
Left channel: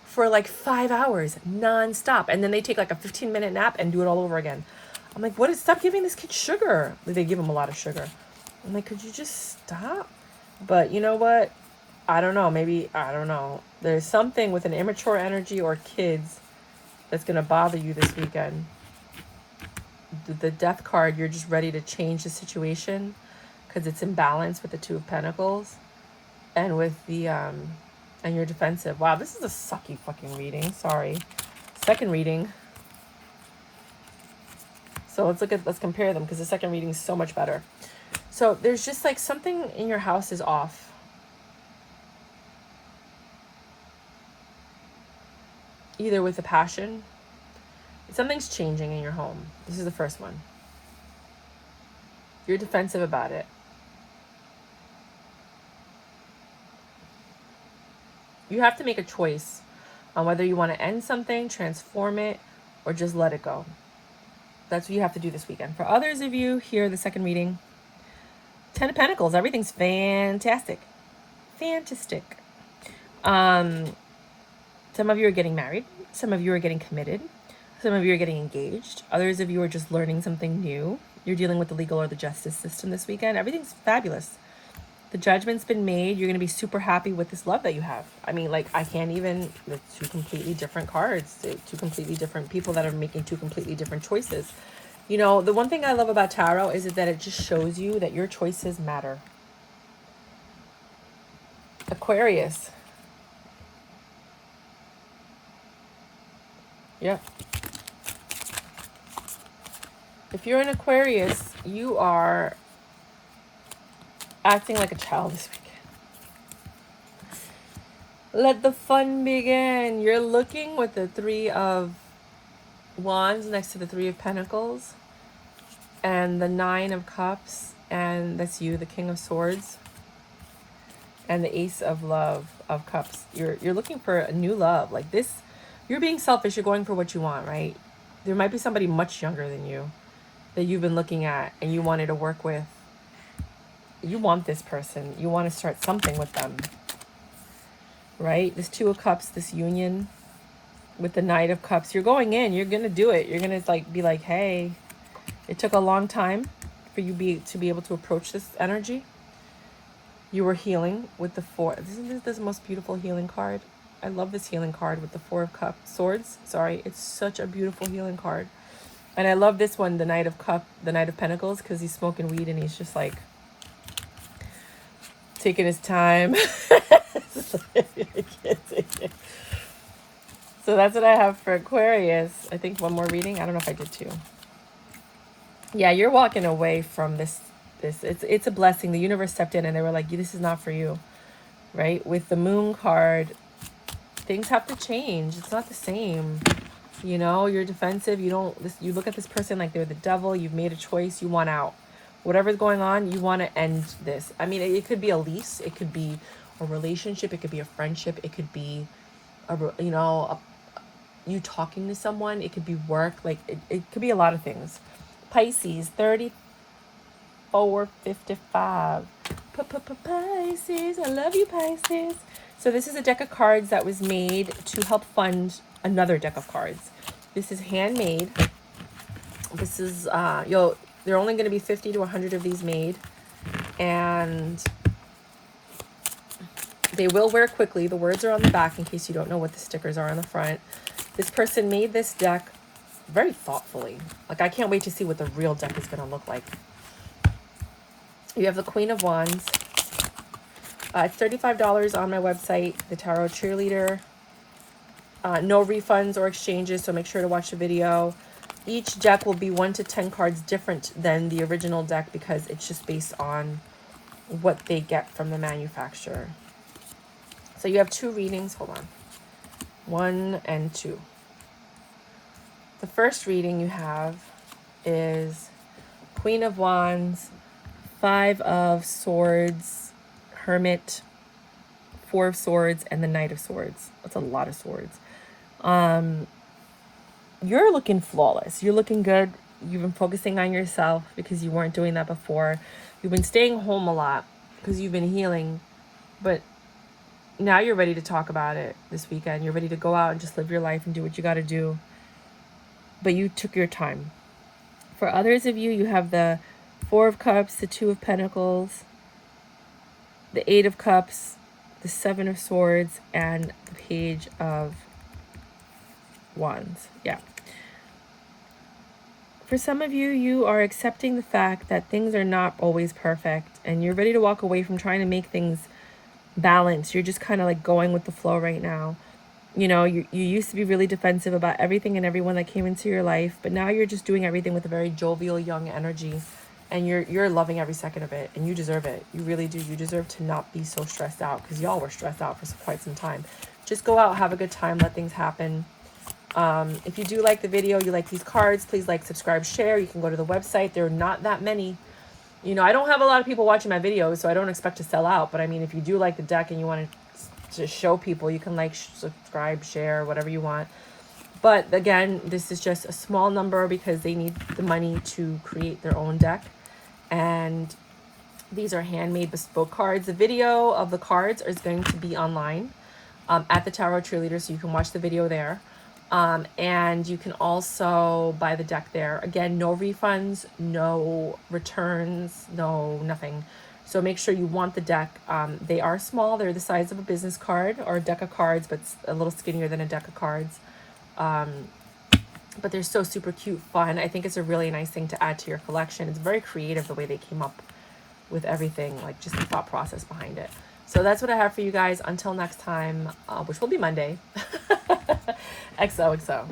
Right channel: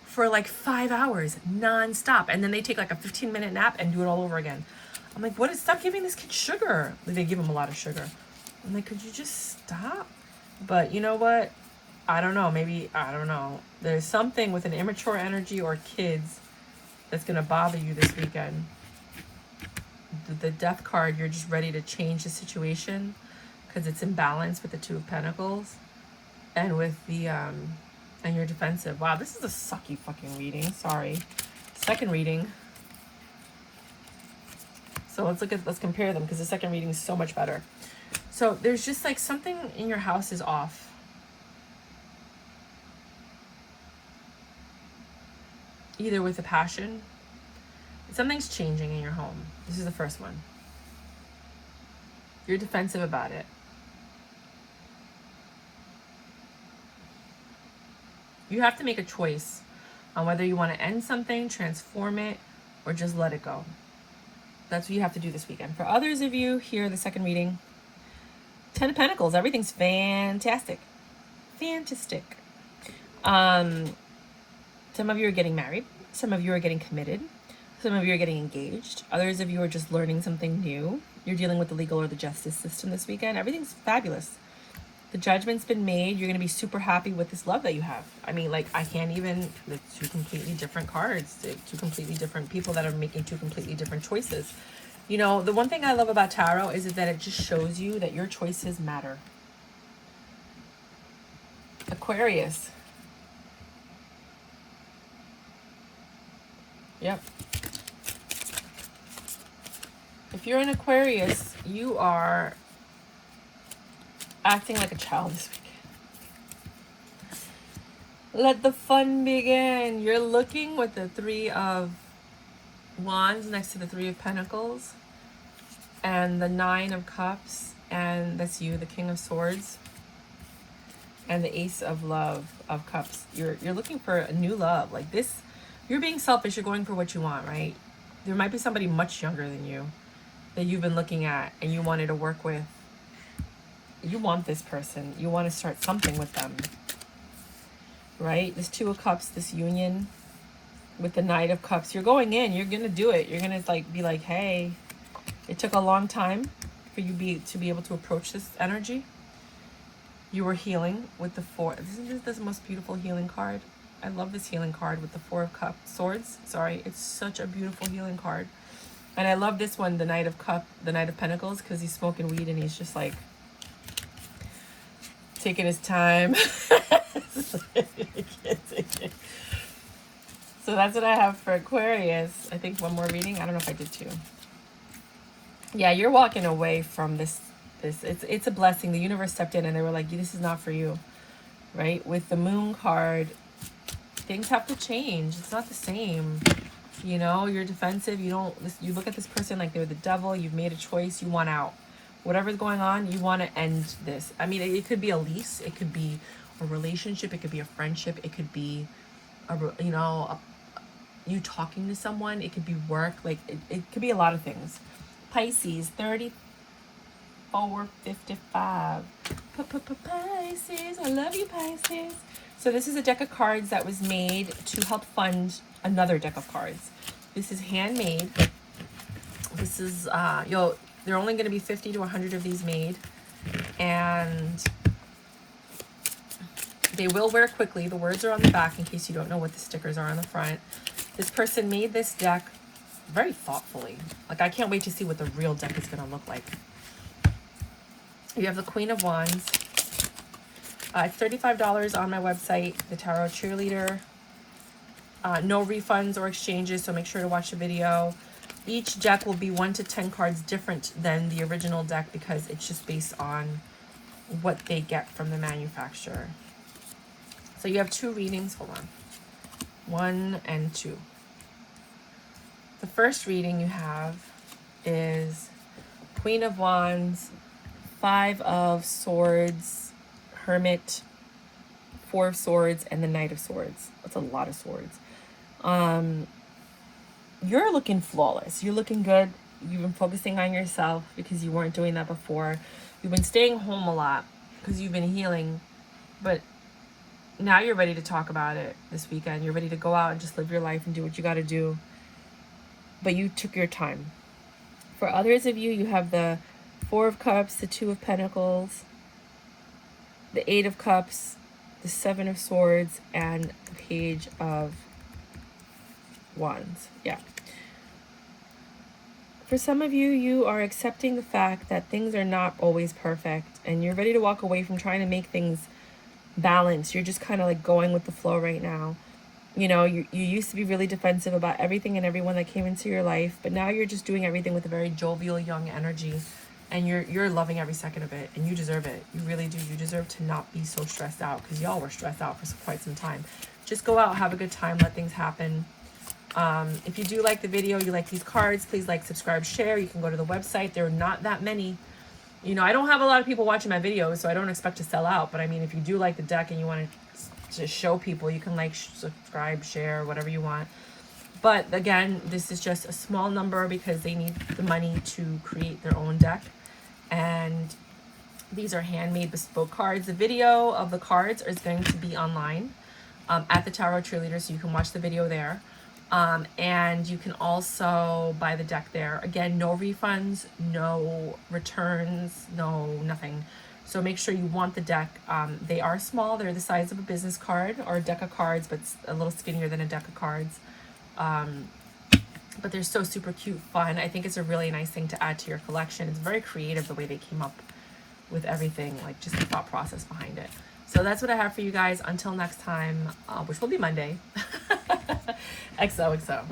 for like 5 hours non-stop. And then they take like a 15-minute nap and do it all over again. I'm like, what is, stop giving this kid sugar. They give him a lot of sugar. I'm like, could you just stop? But you know what? I don't know. Maybe, I don't know. There's something with an immature energy or kids that's going to bother you this weekend. The Death card, you're just ready to change the situation because it's in balance with the Two of Pentacles and with the, and you're defensive. Wow, this is a sucky fucking reading. Sorry. Second reading. So let's compare them because the second reading is so much better. So there's just like something in your house is off. Either with a passion, something's changing in your home. This is the first one. You're defensive about it. You have to make a choice on whether you want to end something, transform it, or just let it go. That's what you have to do this weekend. For others of you, here, the second reading. Ten of Pentacles. Everything's fantastic. Fantastic. Some of you are getting married. Some of you are getting committed. Some of you are getting engaged. Others of you are just learning something new. You're dealing with the legal or the justice system this weekend. Everything's fabulous. The judgment's been made. You're going to be super happy with this love that you have. I mean, like, I can't even... The two completely different cards. Two completely different people that are making two completely different choices. You know, the one thing I love about tarot is that it just shows you that your choices matter. Aquarius. Yep. If you're an Aquarius, you are acting like a child this weekend. Let the fun begin. You're looking with the Three of Wands next to the Three of Pentacles and the Nine of Cups, and that's you, the King of Swords, and the Ace of Cups. You're looking for a new love. Like this, you're being selfish. You're going for what you want, right? There might be somebody much younger than you that you've been looking at and you wanted to work with. You want this person. You want to start something with them, right? This Two of Cups, this union with the Knight of Cups. You're going in. You're going to do it. You're going to be like, hey, it took a long time for you to be able to approach this energy. You were healing with the Four. Isn't this the most beautiful healing card? I love this healing card with the Four of Swords. Sorry, it's such a beautiful healing card. And I love this one, the Knight of Pentacles, because he's smoking weed and he's just like taking his time. I can't take it. So that's what I have for Aquarius. I think one more reading. I don't know if I did two. Yeah, you're walking away from this. It's a blessing. The universe stepped in and they were like, this is not for you, right? With the Moon card, things have to change. It's not the same. You know, you're defensive. You look at this person like they're the devil. You've made a choice. You want out. Whatever's going on, you want to end this. I mean, it could be a lease. It could be a relationship. It could be a friendship. It could be, you talking to someone. It could be work. Like, it could be a lot of things. Pisces, 30. $4.55. Pisces, I love you, Pisces. So this is a deck of cards that was made to help fund another deck of cards. This is handmade. This is, there are only going to be 50 to 100 of these made. And they will wear quickly. The words are on the back in case you don't know what the stickers are on the front. This person made this deck very thoughtfully. Like, I can't wait to see what the real deck is going to look like. You have the Queen of Wands. It's $35 on my website, the Tarot Cheerleader. No refunds or exchanges, so make sure to watch the video. Each deck will be 1 to 10 cards different than the original deck because it's just based on what they get from the manufacturer. So you have 2 readings. Hold on. 1 and 2. The first reading you have is Queen of Wands, 5 of Swords, Hermit, 4 of Swords, and the Knight of Swords. That's a lot of swords. You're looking flawless. You're looking good. You've been focusing on yourself because you weren't doing that before. You've been staying home a lot because you've been healing, but now you're ready to talk about it this weekend. You're ready to go out and just live your life and do what you got to do. But you took your time. For others of you, you have the 4 of Cups, the 2 of Pentacles, the 8 of Cups, the 7 of Swords, and the Page of Wands. Yeah. For some of you, you are accepting the fact that things are not always perfect, and you're ready to walk away from trying to make things balanced. You're just kind of like going with the flow right now. You know, you used to be really defensive about everything and everyone that came into your life, but now you're just doing everything with a very jovial, young energy, and you're loving every second of it, and you deserve it. You really do. You deserve to not be so stressed out, because y'all were stressed out for quite some time. Just go out, have a good time, let things happen. If you do like the video, you like these cards, please like, subscribe, share. You can go to the website. There are not that many. You know, I don't have a lot of people watching my videos, so I don't expect to sell out. But I mean, if you do like the deck and you want to show people, you can like, subscribe, share, whatever you want. But again, this is just a small number because they need the money to create their own deck. And these are handmade bespoke cards. The video of the cards is going to be online at the Tarot Cheerleader, so you can watch the video there. And you can also buy the deck there. Again, no refunds, no returns, no nothing. So make sure you want the deck. They are small. They're the size of a business card or a deck of cards, but a little skinnier than a deck of cards. But they're so super cute, fun. I think it's a really nice thing to add to your collection. It's very creative the way they came up with everything, like just the thought process behind it. So that's what I have for you guys. Until next time, which will be Monday. XOXO.